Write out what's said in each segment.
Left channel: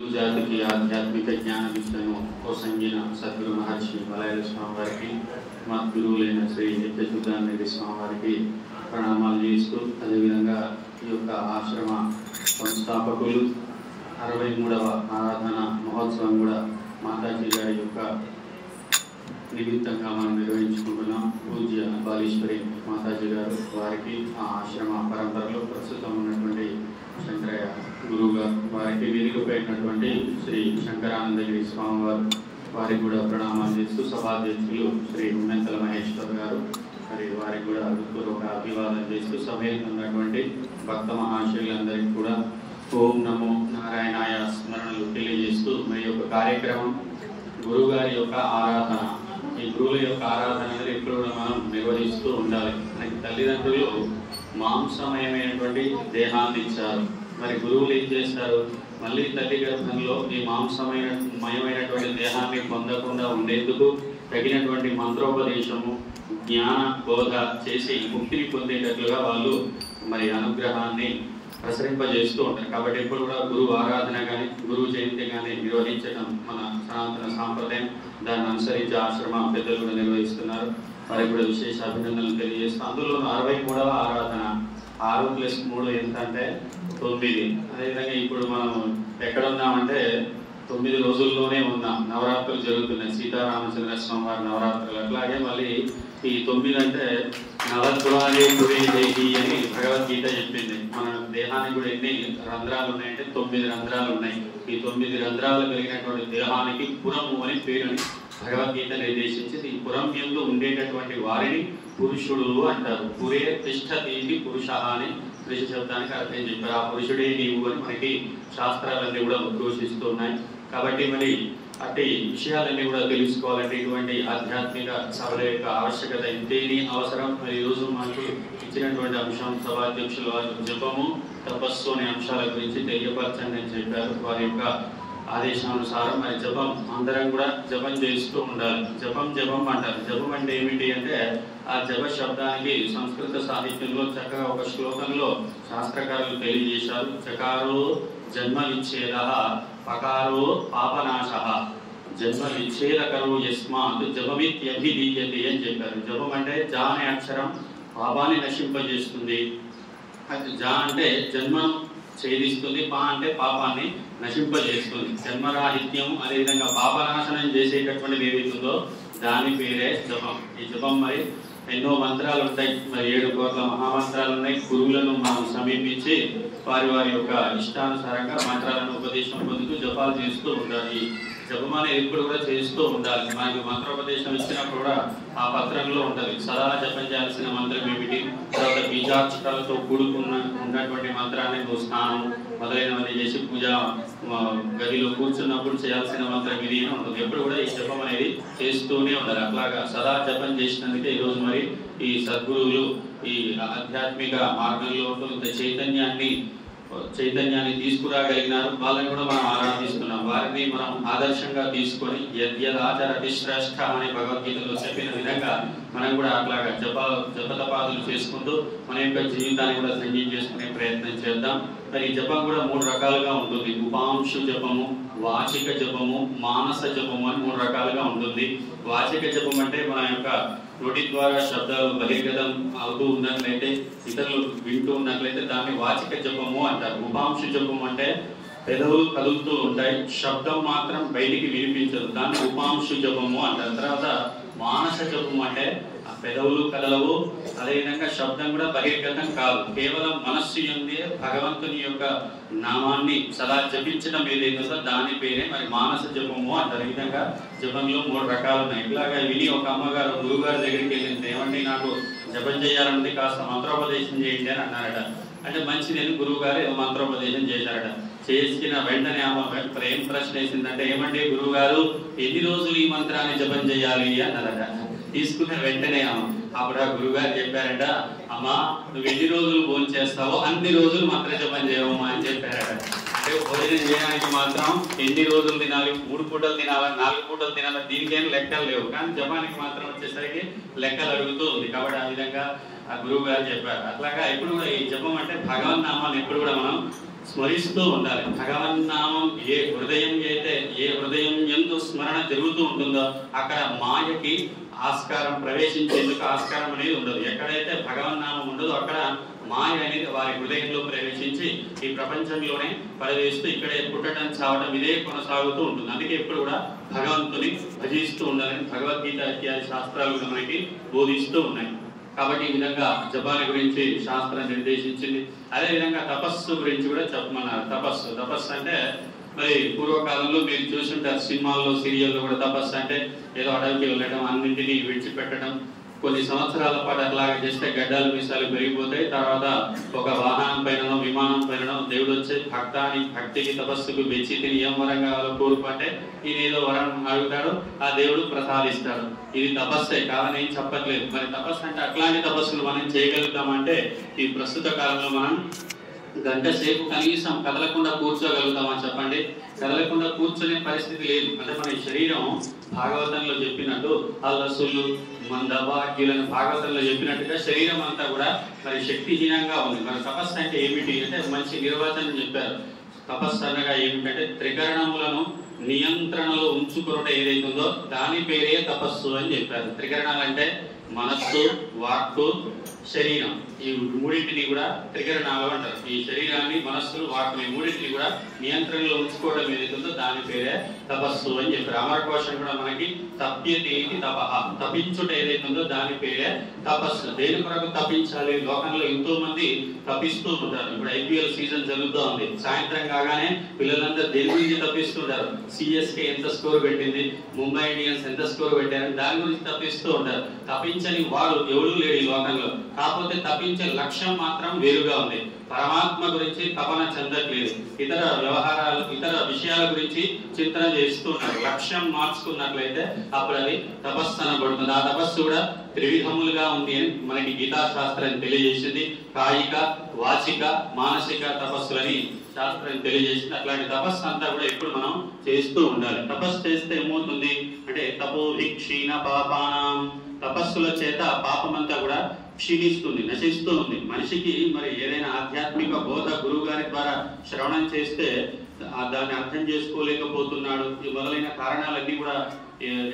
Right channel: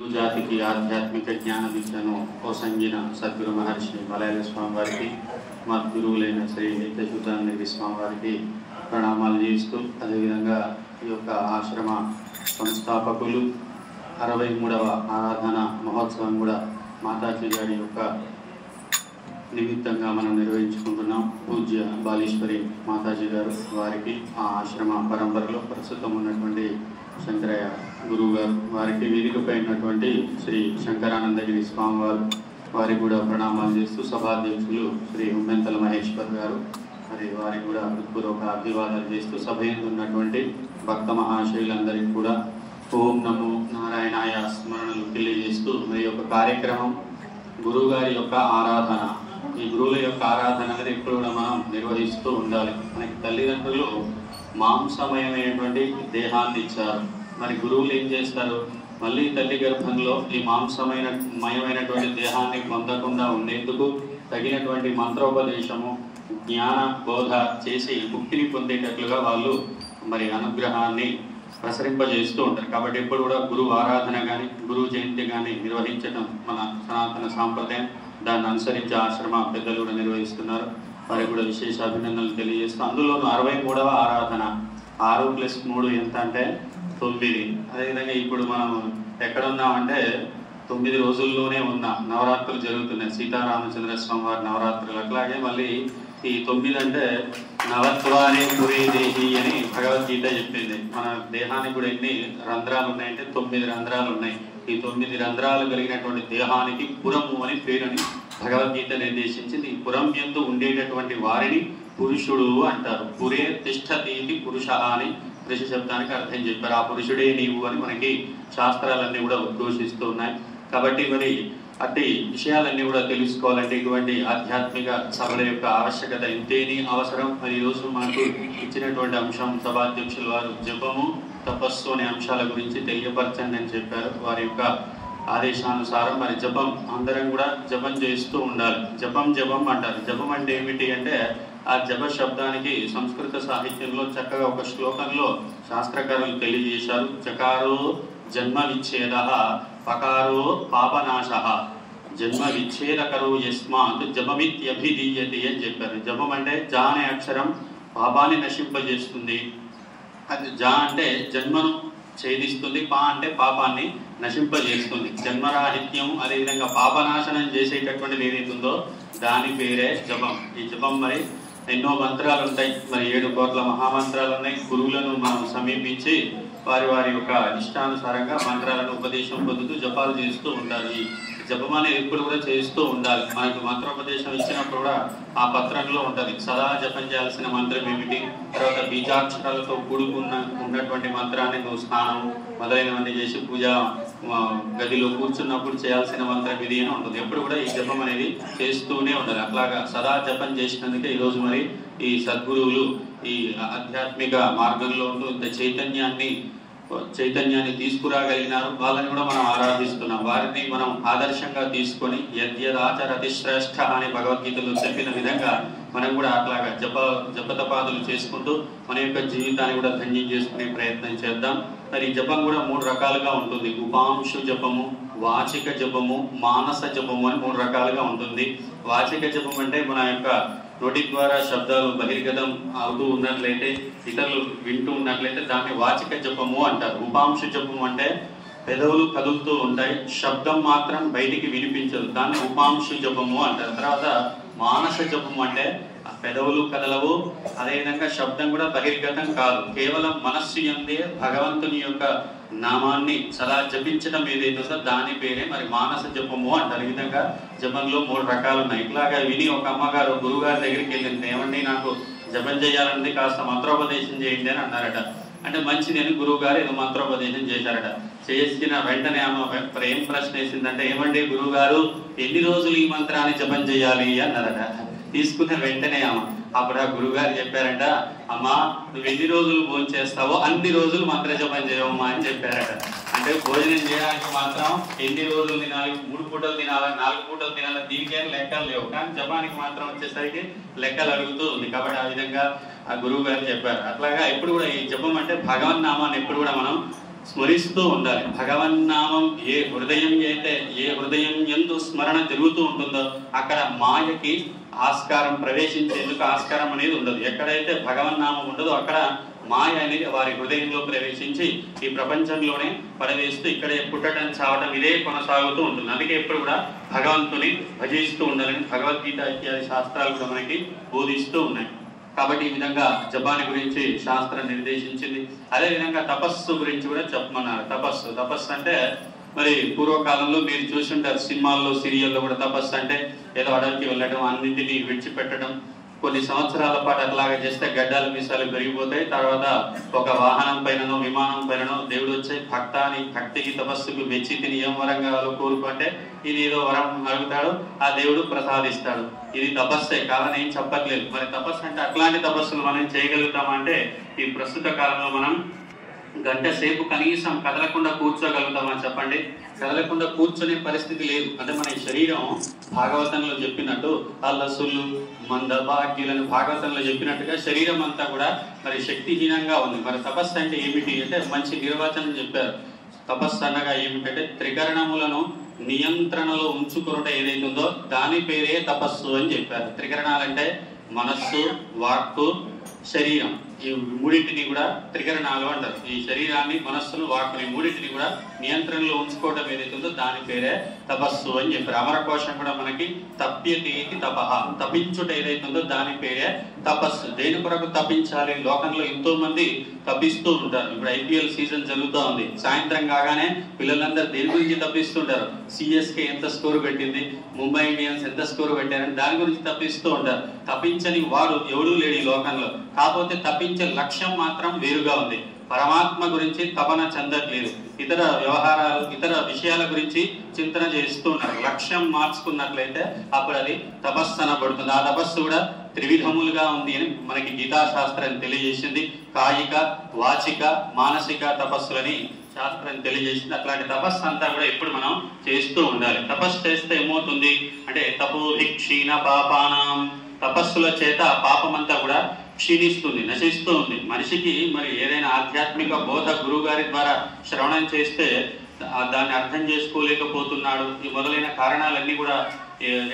జాతికి ఆధ్యాత్మిక జ్ఞాన విద్యను పోసంగిన సద్గురు మహర్షి మలయాళ స్వామి వారికి మా గురువులైన శ్రీ నిత్యశుద్ధానంద స్వామి వారికి ప్రణామాలు చేస్తూ అదేవిధంగా ఈ యొక్క ఆశ్రమ సంస్థాపకులు 63వ ఆరాధన మహోత్సవం కూడా మాతాజీ గారి యొక్క నిమిత్తంగా మనం నిర్వహించుకుంటున్నాం. పూజ్య బాలీశ్వరి మాతాజీ గారు వారికి ఆ ఆశ్రమ పరంపరలో ప్రస్తుతం ఉన్నటువంటి శంకరయ్య గురువు గారు వారికి వేదికపైనటువంటి శ్రీ శంకరానందగిరి స్వామి వారికి కూడా ప్రణామాలు చేస్తూ సభాధ్యక్షులు శ్రీ ఉమ్మెంతల మహేశ్వర్ గారు మరి వారికి కూడా పూర్వక అభివాదం చేస్తూ సభలో ఉన్నటువంటి భక్త మహాశయులందరికీ కూడా ఓం నమో నారాయణాయ స్మరణలు తెలియజేస్తూ మరి యొక్క కార్యక్రమం గురువు గారి యొక్క ఆరాధన. ఈ గురువుల యొక్క ఆరాధన అనేది ఎప్పుడు కూడా మనం నిర్వహిస్తూ ఉండాలి. మనకి తల్లిదండ్రులు మాంసమయమైనటువంటి దేహాన్ని ఇచ్చారు. మరి గురువులు ఏం చేస్తారు? మళ్ళీ తల్లి గర్భంలో ఈ మాంసమయమైనటువంటి దేహాన్ని పొందకుండా ఉండేందుకు తగినటువంటి మంత్రోపదేశము జ్ఞాన బోధ చేసి ముక్తిని పొందేటట్లుగా వాళ్ళు మరి అనుగ్రహాన్ని ప్రసరింపజేస్తూ ఉంటారు. కాబట్టి ఎప్పుడు కూడా గురువు ఆరాధన కానీ గురువు జయంతి కానీ నిర్వహించడం మన సనాతన సాంప్రదాయం. దాన్ని అనుసరించి ఆశ్రమ పెద్దలు కూడా నిర్వహిస్తున్నారు. వారికి కూడా విశేష అభినందనలు తెలియజేస్తూ అందులోనూ 63వ ఆరాధన 6+3 ఎంత అంటే 9. అదేవిధంగా ఇప్పుడు మనం ఎక్కడున్నామంటే 9 రోజుల్లోనే ఉన్నాం. నవరాత్రులు జరుగుతున్నాయి. సీతారామచంద్ర స్వామి వారి నవరాత్రులు. అట్లాగే మళ్ళీ ఈ 9 అంటే నవద్వారే పురే దేహి అని భగవద్గీత చెప్పింది. మన దేహానికి కూడా ఎన్ని రంధ్రాలు ఉన్నాయంటే 9 రంధ్రాలు ఉన్నాయి. ఈ 9 రంధ్రాలు కలిగినటువంటి దేహానికి పురము అని పేరుని భగవద్గీత నిర్దేశించింది. ఈ పురం యందు ఉండేటటువంటి వారిని పురుషుడు అంటారు. పురే తిష్టతీతి పురుష అని పురుష శబ్దానికి అర్థం చెప్పారు. ఆ పురుషుడే నీవు అని మనకి శాస్త్రాలన్నీ కూడా ఉద్ఘోషిస్తూ ఉన్నాయి. కాబట్టి మరి అట్టి విషయాలన్నీ కూడా తెలుసుకోవాలంటే ఇటువంటి ఆధ్యాత్మిక సభల యొక్క ఆవశ్యకత ఎంతేని అవసరం. మరి ఈరోజు మనకు ఇచ్చినటువంటి అంశం సభాధ్యక్షుల వారు జపము తపస్సు అనే అంశాల గురించి తెలియపరచండి అని చెప్పారు. వారి యొక్క ఆదేశానుసారం మరి జపం అందరం కూడా జపం చేస్తూ ఉండాలి. జపం అంటారు. జపం అంటే ఏమిటి అంటే ఆ జప శబ్దానికి సంస్కృత సాహిత్యంలో చక్కగా ఒక శ్లోకంలో శాస్త్రకారులు తెలియజేశారు. చకారో జన్మ విచ్ఛేద పకారో పాపనాశ జన్మ విచ్ఛేదకరో యస్మాత్ జపమిత్యభిధీయతే అని చెప్పారు. జపం అంటే జా అనే అక్షరం పాపాన్ని నశింపజేస్తుంది. అది జా అంటే జన్మను ఛేదిస్తుంది. పా అంటే పాపాన్ని నశింపజేస్తుంది. జన్మరాహిత్యం అదేవిధంగా పాపనాశనం చేసేటటువంటిది ఏదైతుందో దాని పేరే జపం. ఈ జపం మరి ఎన్నో మంత్రాలు ఉంటాయి. మరి 7 కోట్ల మహామంత్రాలు ఉన్నాయి. గురువులను మనం సమీపించి వారి యొక్క ఇష్టానుసారంగా మంత్రాలను ఉపదేశం పొందుతూ జపాలు చేస్తూ ఉంటారు. ఈ జపం అనేది ఎప్పుడు కూడా చేస్తూ ఉండాలి. మనకు మంత్రోపదేశం ఇచ్చినప్పుడు కూడా ఆ పత్రంలో ఉంటుంది. సదా జపం చేయాల్సిన మంత్రం ఏమిటి, తర్వాత బీజాక్షరాలతో ఉన్నటువంటి మంత్రాన్ని నువ్వు స్నానం మొదలైనవన్నీ చేసి పూజా గదిలో కూర్చున్నప్పుడు చేయాల్సిన మంత్రం ఇది అని ఉంటుంది. ఎప్పుడు కూడా ఈ జపం అనేది చేస్తూనే ఉండాలి. అట్లాగా సదా జపం చేసినందుకే ఈరోజు మరి ఈ సద్గురువులు ఈ ఆధ్యాత్మిక మార్గంలో ఉంటూ ఇంత చైతన్యాన్ని తీసుకురాగలిగినారు. వాళ్ళని కూడా మనం ఆరాధిస్తున్నాం. వారిని మనం ఆదర్శంగా తీసుకొని యద్యదాచరతి శ్రేష్ఠ అని భగవద్గీతలో చెప్పిన విధంగా మనం కూడా అట్లాగా జపతపాదులు చేసుకుంటూ మన యొక్క జీవితాన్ని కూడా ధన్యం చేసుకునే ప్రయత్నం చేద్దాం. మరి జపం కూడా 3 రకాలుగా ఉంటుంది. ఉపాంశు జపము, వాచిక జపము, మానస జపము అని 3 రకాలుగా ఉంటుంది. వాచిక జపం అంటే మన యొక్క నోటి ద్వారా శబ్దాలు బహిర్గతం అవుతూ ఉన్నట్లయితే, ఇతరులు వింటూ ఉన్నట్లయితే దాన్ని వాచిక జపము అంటారు. ఉపాంశు జపము అంటే పెదవులు కదులుతూ ఉంటాయి, శబ్దం మాత్రం బయటికి వినిపించదు, దాన్ని ఉపాంశు జపము అంటారు. తర్వాత మానస జపము అంటే పెదవులు కదలవు, అదేవిధంగా శబ్దం కూడా బహిర్గతం కాదు, కేవలం మనస్సు యందే భగవంతుని యొక్క నామాన్ని సదా జపించడం ఏదైతుందో దాని పేరే మరి మానస జపము అంటారు. ఈ విధంగా జపంలో 3 రకాలు ఉన్నాయి. ఇట్లాగా విని ఒక అమ్మగారు గురువుగారి దగ్గరికి వెళ్ళింది. ఏమండి నాకు జపం చేయాలంటే కాస్త మంత్రోపదేశం చేయండి అని అన్నారట. అంటే మంచిది అని గురువు గారు ఏదో మంత్రోపదేశం చేశారట. చేసిన వెంటనే ఆమె ఏం ప్రశ్న వేసిందంటే, ఏమండి గురువు గారు ఎన్ని రోజులు ఈ మంత్రాన్ని జపం చేయాలి అన్నారట. తీసుకున్న వెంటనే అప్పుడు ఆ గురువుగారు చెప్పారంట, అమ్మా నువ్వు ఎన్ని రోజులు భోజనం చేస్తావో అన్ని రోజులు మంత్ర జపం చేయవమ్మా అని చెప్పారట. అంటే భోజనం చేయడానికి మాత్రం ఎన్ని రోజులు తినాలి, 3 పూటలు తినాలా, 4 పూటలు తినాలా, దీనికేం లెక్కలు లేవు. కానీ జపానికి మాత్రం వచ్చేసరికి లెక్కలు అడుగుతూ ఉంది. కాబట్టి ఆ విధంగా ఆ గురువు గారు చెప్పారు. అట్లాగా ఎప్పుడు కూడా ఈ జపం అంటే భగవన్ నామాన్ని ఎప్పుడు కూడా మనం స్మరిస్తూ ఉండాలి. భగవన్నామం ఏ హృదయం యందు స్మరణ జరుగుతూ ఉంటుందో అక్కడ మాయకి ఆస్కారం, ప్రవేశించేందుకు ఆస్కారం అనేది ఉండదు. ఎక్కడైతే భగవన్నామం ఉండదో అక్కడ మాయ అనేది వారి హృదయంలో ప్రవేశించి ఈ ప్రపంచంలోనే పడవేస్తూ ఇక్కడే పుట్టడం, చావడం ఇదే కొనసాగుతూ ఉంటుంది. అందుకే ఎప్పుడు కూడా భగవంతుని భజిస్తూ ఉండాలని భగవద్గీత ఇత్యాది శాస్త్రాలు కూడా మనకి బోధిస్తూ ఉన్నాయి. కాబట్టి ఈ విధంగా జపాని గురించి శాస్త్రం నిర్దేశించింది. అదేవిధంగా తపస్సు గురించి కూడా చెప్పమన్నారు. తపస్సు అంటే మరి పూర్వకాలంలో మీరు చూసుంటారు, సినిమాల్లో సీరియల్లో కూడా తపస్సు అంటే ఏదో అడవికి వెళ్ళడం, అన్నింటినీ విడిచిపెట్టడం, కొన్ని సంవత్సరాల పాటు అట్లాగా చేస్తే గడ్డాలు మీసాలు పెరిగిపోతాయి. తర్వాత ఒక వాహనం పైననో విమానం పైననో దేవుడు వచ్చే భక్తికి తపస్సుకు మెచ్చి తిని ఏం వరం కావాలో కోరుకుంటే ఇది ఏదో వరం అడుగుతాడు, ఆ దేవుడు ప్రసాదిస్తాడు. ఇది తపస్సే కాదని ఏం చెప్పట్లేదు. మరి తపస్సు అంటే అట్లాంటి తపస్సులు మనం చేయగలుగుతామంటే ఈ ప్రస్తుత కాలంలో మనం గంట సేపు కనీసం కదలకుండా కూర్చోగలుగుతామని చెప్పండి. కదలకుండా కూర్చొనే పరిస్థితి లేదు. అంటే మన శరీరం భాగవతంలో చెప్పినట్టు అల్లసులు మందభాగ్యులను భాగవతంలో చెప్పినట్టుగా శరీరం అంతా కూడా మరి శక్తిహీనంగా ఉంది. మరి తపస్సు అంటే ఏమిటి అంటే మంచి నిర్వచనం చెప్పారు. తపస్సు అనగా ఏమిటంటే త్రికరణములను నియంత్రణలో ఉంచుకున్నట ఏదైతుందో దాని పేరే తపస్సు అని చెప్పారు. త్రికరణాలంటే మనస్సు, వాక్కు, శరీరం. ఈ మూడింటిని కూడా త్రికరణాలు అంటారు. ఈ శరీరాన్ని, మనస్సును, వాక్కుని మూడింటిని కూడా నియంత్రణలో ఉంచుకోవడం ఏదైతుందో దాని పేరే తపస్సు అని చెప్పారు. అమరకోశం కూడా మనకి తప్యతేతి తపః, తపించుట ఏదైతుందో దాని పేరే తపస్సు. దేని కొరకు తపించాలి? లోకంలో ఎంతో మంది తపిస్తూ ఉంటారు. ఇప్పుడు IPL సీజన్ జరుగుతూ ఉంది. సాయంత్రం కాగానే పిల్లలందరూ దేని గురించి తప్పిస్తుంటారు? CSK ఎంత స్కోర్ పెట్టింది, ముంబై ఇండియన్స్ ఎంత స్కోర్ పెట్టారని దాని గురించి తప్పిస్తూ ఉంటారు. తప్పించని వాడు ఎవడూ లేడు ఈ లోకంలో. కాకపోతే తప్పించే లక్ష్యం మాత్రం వేరుగా ఉంది. పరమాత్మ గురించి తపన చెందట్లేదు. ఇతర వ్యవహారాలు, ఇతర విషయాల గురించి చింతన చేస్తూ ఉన్నారు. లక్ష్యం మార్చుకున్నట్లయితే అప్పుడు అది తపస్సు అనబడుతుంది. ఆ తపస్సు కూడా త్రివిధములుగా ఉంది అని మనకి గీతా శాస్త్రం తెలియజేసింది. కాయిక, వాచిక, మానసిక తపస్సులని శాస్త్రం తెలియజేసింది. అట్లాంటి తపస్సు అంతా కూడా ఎప్పుడు మనం చేస్తూ ఉండాలి. తపస్సు చేస్తే ఏమవుతుంది అంటే తపోహి క్షీణ పాపానాం, తపస్సుల చేత పాపం అంతా కూడా క్షీణిస్తుంది, నశిస్తూ ఉంది. మనిషికి మరి ఏదైనా ఆధ్యాత్మిక బోధ గురువు గారి ద్వారా శ్రవణం చేస్తే దాన్ని అర్థం చేసుకోలేకపోతున్నాడు. ఈ మొదలైన కారణాలన్నీ కూడా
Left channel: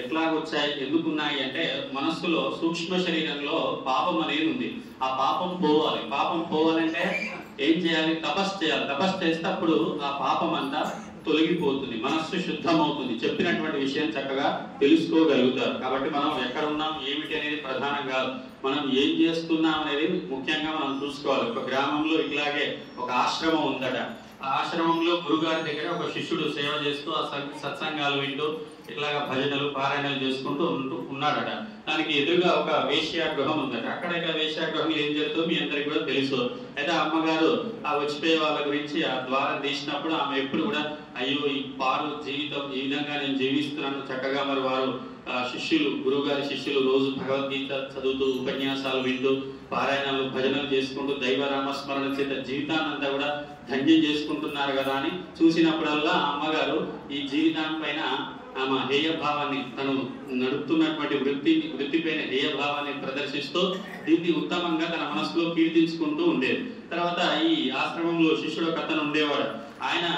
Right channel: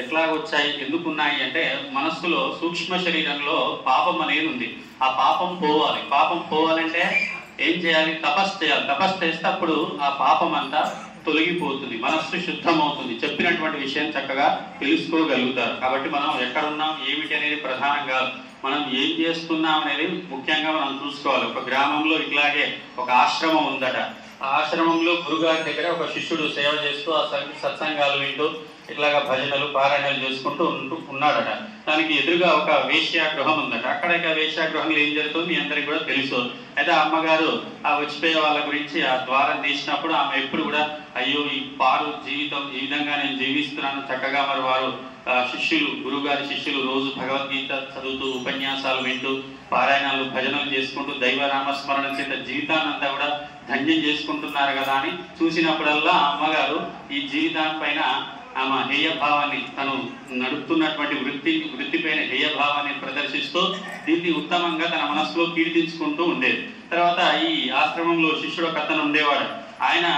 ఎట్లా వచ్చాయి, ఎందుకున్నాయి అంటే మనస్సులో సూక్ష్మ శరీరంలో పాపం అనేది ఉంది. ఆ పాపం పోవాలి. పాపం పోవాలంటే ఏం చేయాలి? తపస్సు చేయాలి. తపస్సు చేస్తే అప్పుడు ఆ పాపం అంతా తొలగిపోతుంది, మనస్సు శుద్ధమవుతుంది. చెప్పినటువంటి విషయం చక్కగా తెలుసుకోగలుగుతారు. కాబట్టి మనం ఎక్కడున్నాం ఏమిటి అనేది ప్రధానం కాదు, మనం ఏం చేస్తున్నాం అనేది ముఖ్యంగా మనం చూసుకోవాలి. ఒక గ్రామంలో ఇట్లాగే ఒక ఆశ్రమం ఉందట. ఆ ఆశ్రమంలో గురుగారి దగ్గర ఒక శిష్యుడు సేవ చేస్తూ ఆ సత్సంగాలు వింటూ ఇట్లాగా భజనలు, పారాయణలు చేసుకుంటూ ఉన్నాడట. దానికి ఎదురుగా ఒక వేశ్యాగృహం ఉందట. అక్కడ వేశ్యాగృహంలో ఏం జరుగుతుంది మీ అందరికి కూడా తెలుసు. అయితే అమ్మగారు ఆ వచ్చిపోయే వాళ్ళ గురించి ఆ ద్వారం తీసినప్పుడు ఆమె ఎప్పుడు కూడా అయ్యో ఈ పాలు జీవితం ఈ విధంగా నేను జీవిస్తున్నాను చక్కగా. మరి వారు శిష్యులు, గురువుగారి శిష్యులు రోజు భగవద్గీత చదువుతూ, ఉపన్యాసాలు వింటూ, పారాయణాలు, భజనలు చేసుకుంటూ దైవనామస్మరణ చేత జీవితాన్ని అంతా కూడా ధన్యం చేసుకుంటున్నారు కదా అని చూసినప్పుడల్లా అమ్మగారు ఈ జీవితాన్ని పైన ఆమె హేయభావాన్ని, తను నడుపుతున్నటువంటి వృత్తిపైన హేయభావాన్ని ప్రదర్శిస్తూ దీన్ని ఉత్తమంగా తన మనసులో కీర్తించుకుంటూ ఉండేది. తర్వాత ఈ ఆశ్రమంలో శిష్యుడు ఒక అతను ఉండేవాడు. ఆయన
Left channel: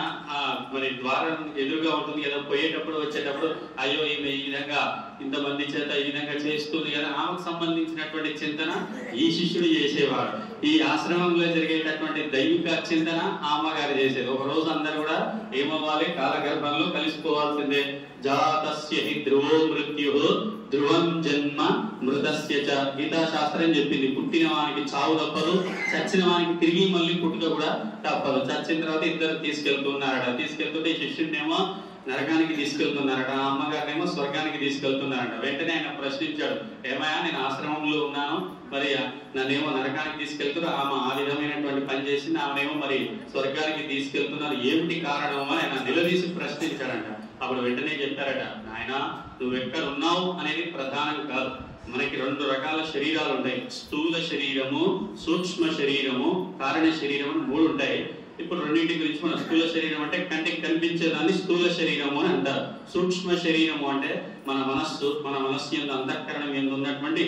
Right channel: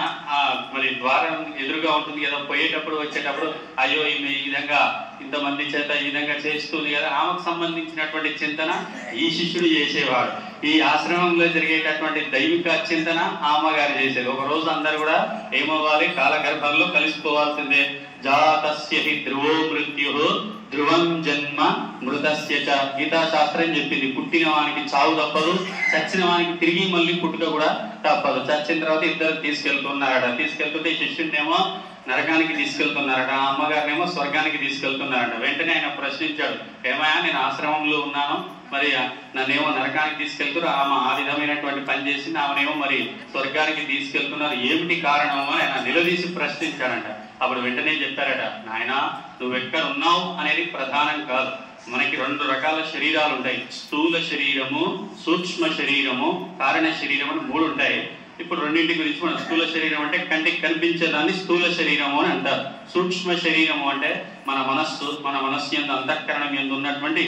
మరి ద్వారం ఎదురుగా ఉంటుంది కదా, పోయేటప్పుడు వచ్చేటప్పుడు అయ్యో ఈమె ఈ విధంగా ఇంతమంది చేత ఈ విధంగా చేస్తుంది కదా, ఆమెకు సంబంధించినటువంటి చింతన ఈ శిష్యుడు చేసేవాడు. ఈ ఆశ్రమంలో జరిగేటటువంటి దైవిక చింతన అమ్మగారు చేసేది. ఒక రోజు అందరు కూడా ఏమవ్వాలి? కాలగర్భంలో కలిసిపోవాల్సిందే. జాతస్య హి ధ్రువో మృత్యు ధ్రువం జన్మ మృతస్య చ. గీతా శాస్త్రం చెప్పింది పుట్టిన వానికి చావు తప్పదు, చచ్చిన వానికి తిరిగి మళ్ళీ పుట్టుక కూడా తప్పదు. చచ్చిన తర్వాత ఇద్దరు తీసుకెళ్తున్నారట. తీసుకెళ్తుంటే శిష్యుడినేమో నరకానికి తీసుకెళ్తున్నారట, అమ్మగారినేమో స్వర్గానికి తీసుకెళ్తున్నారట. వెంటనే ఆయన ప్రశ్నించాడు, ఏమయ్యా నేను ఆశ్రమంలో ఉన్నాను, మరి నన్నేమో నరకానికి తీసుకెళ్తారు, ఆమె ఆ విధమైనటువంటి పని చేసింది, ఆమెనేమో మరి స్వర్గానికి తీసుకెళ్తున్నారు, ఏమిటి కారణము అని ఆయన నిలదీసి ప్రశ్నించాడంట. అప్పుడు వెంటనే చెప్పారట, నాయనా నువ్వు ఎక్కడ ఉన్నావు అనేది ప్రధానం కాదు. మనకి 2 రకాల శరీరాలు ఉంటాయి. స్థూల శరీరము, సూక్ష్మ శరీరము, కారణ శరీరం అని 3 ఉంటాయి. ఇప్పుడు రెండింటి గురించి మనం స్థూల శరీరం అంటే కంటికి కనిపించేదాన్ని స్థూల శరీరము అని అంటారు. సూక్ష్మ శరీరము అంటే మన మనస్సు యందు, అంతఃకరణం యందు ఉన్నటువంటి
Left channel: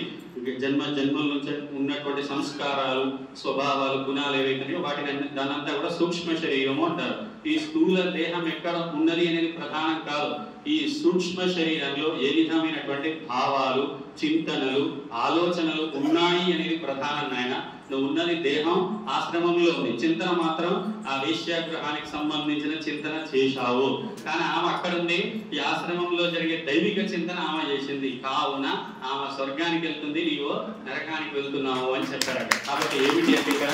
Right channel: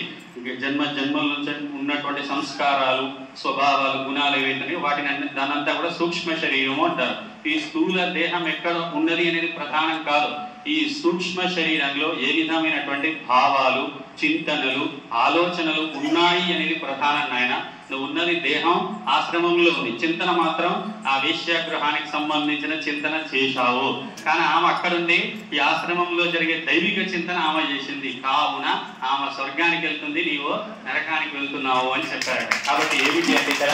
జన్మల నుంచి ఉన్నటువంటి సంస్కారాలు, స్వభావాలు, గుణాలు ఏవైతున్నాయో వాటిని దానంతా కూడా సూక్ష్మ శరీరము అంటారు. ఈ స్థూల దేహం ఎక్కడ ఉన్నది అనేది ప్రధానం కాదు. ఈ సూక్ష్మ శరీరంలో ఏ విధమైనటువంటి భావాలు, చింతనలు, ఆలోచనలు ఉన్నాయి అనేది ప్రధానం. నాయన నువ్వు ఉన్నది దేహం, ఆశ్రమంలో ఉంది. చింతన మాత్రం ఆ వేశ్యాగ్రహానికి సంబంధించిన చింతన చేశావు. కానీ ఆమె అక్కడుండి ఈ ఆశ్రమంలో జరిగే దైవిక చింతన ఆమె చేసింది. కావున ఆమె స్వర్గానికి వెళ్తుంది, నీవు నరకానికి వెళ్తున్నావు అని చెప్పారు. కాబట్టి ఏమిటి అంటే ఇక్కడ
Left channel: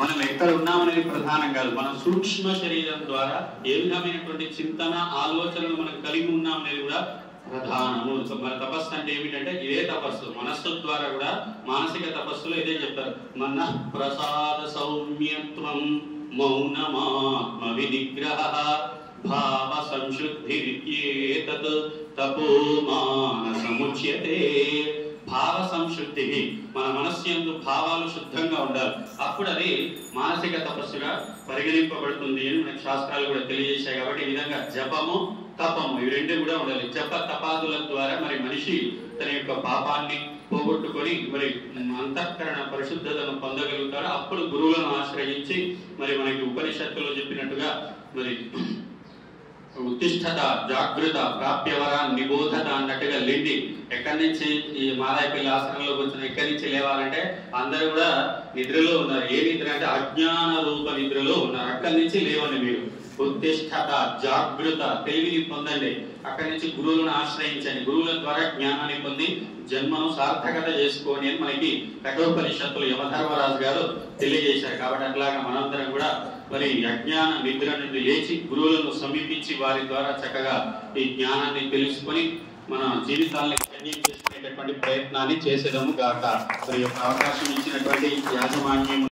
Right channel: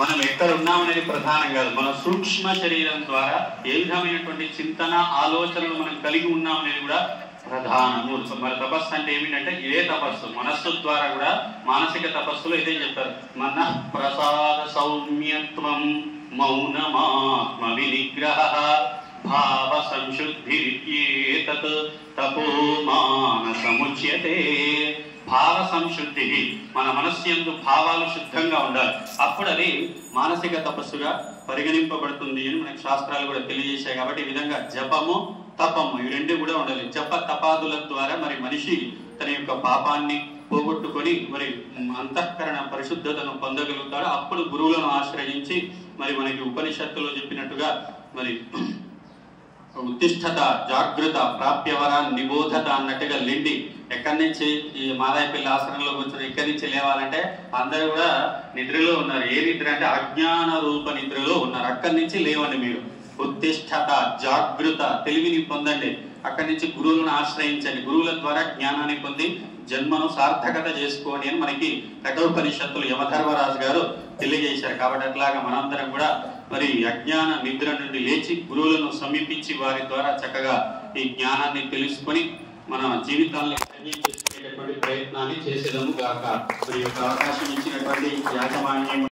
మనం ఎక్కడ ఉన్నాం అనేది ప్రధానం కాదు. మన సూక్ష్మ శరీరం ద్వారా ఏ విధమైనటువంటి చింతన, ఆలోచనలు మనం కలిగి ఉన్నాం అనేది కూడా ప్రధానము. మన తపస్సు అంటే ఏమిటంటే ఇదే తపస్సు. మనస్సు ద్వారా కూడా మానసిక తపస్సులో ఇదే చెప్పారు. మన ప్రసాద సౌమ్యత్వం మౌనమాత్మ వినిగ్రహ భావ సంశుద్ధి తపో మానసముచ్యతే. భావ సంశుద్ధి, మన మనస్సు యందు భావాలు శుద్ధంగా ఉండాలి. అప్పుడు అది మానసిక తపస్సుగా పరిగణింపబడుతుంది అని మనకి శాస్త్రాలు కూడా తెలియజేశాయి. కాబట్టి ఈ విధంగా జపము, తపము ఇవి రెండు కూడా ఉండాలి. జప తపాదుల ద్వారా మరి మనిషి తన యొక్క పాపాన్ని పోగొట్టుకొని మరి అంతఃకరణ పరిశుద్ధతను పొందగలుగుతారు. అప్పుడు గురువులను ఆశ్రయించి మరి మనకి ఉపనిషత్తులో చెప్పినట్టుగా మరి ఉత్తిష్టత, జాగృత, ప్రాప్యవరా, నిబోధత అన్నట్టుగా లేండి. ఎక్కడి నుంచి ఈ మాదాయపల్లి ఆశ్రమంలో కూర్చొని ఎక్కడి నుంచి లేవాలంటే అందరూ కూడా నిద్రలో ఉన్నారు. ఏ నిద్ర అంటే అజ్ఞాన రూప నిద్రలో ఉన్నారు. అక్కడి నుంచి లేవండి మీరు. ఉత్తిష్టత, జాగృత, తెలివిని పొందండి. అక్కడి నుంచి గురువులను ఆశ్రయించండి. గురువుల ద్వారా జ్ఞానాన్ని పొంది జన్మను సార్థకత చేసుకోండి అని మనకి కఠోపనిషత్తులు యమధర్మరాజు గారు తెలియజేశారు. కాబట్టి అట్లాగా మనందరం కూడా మరి అజ్ఞాన నిద్ర నుండి లేచి గురువులను సమీపించి వారి ద్వారా చక్కగా ఈ జ్ఞానాన్ని తెలుసుకొని మన జీవితాలను చేసుకునేటటువంటి ప్రయత్నాన్ని చేసేదము గాక. మరి యొక్క అవకాశం ఇచ్చినటువంటి యాజమాన్యం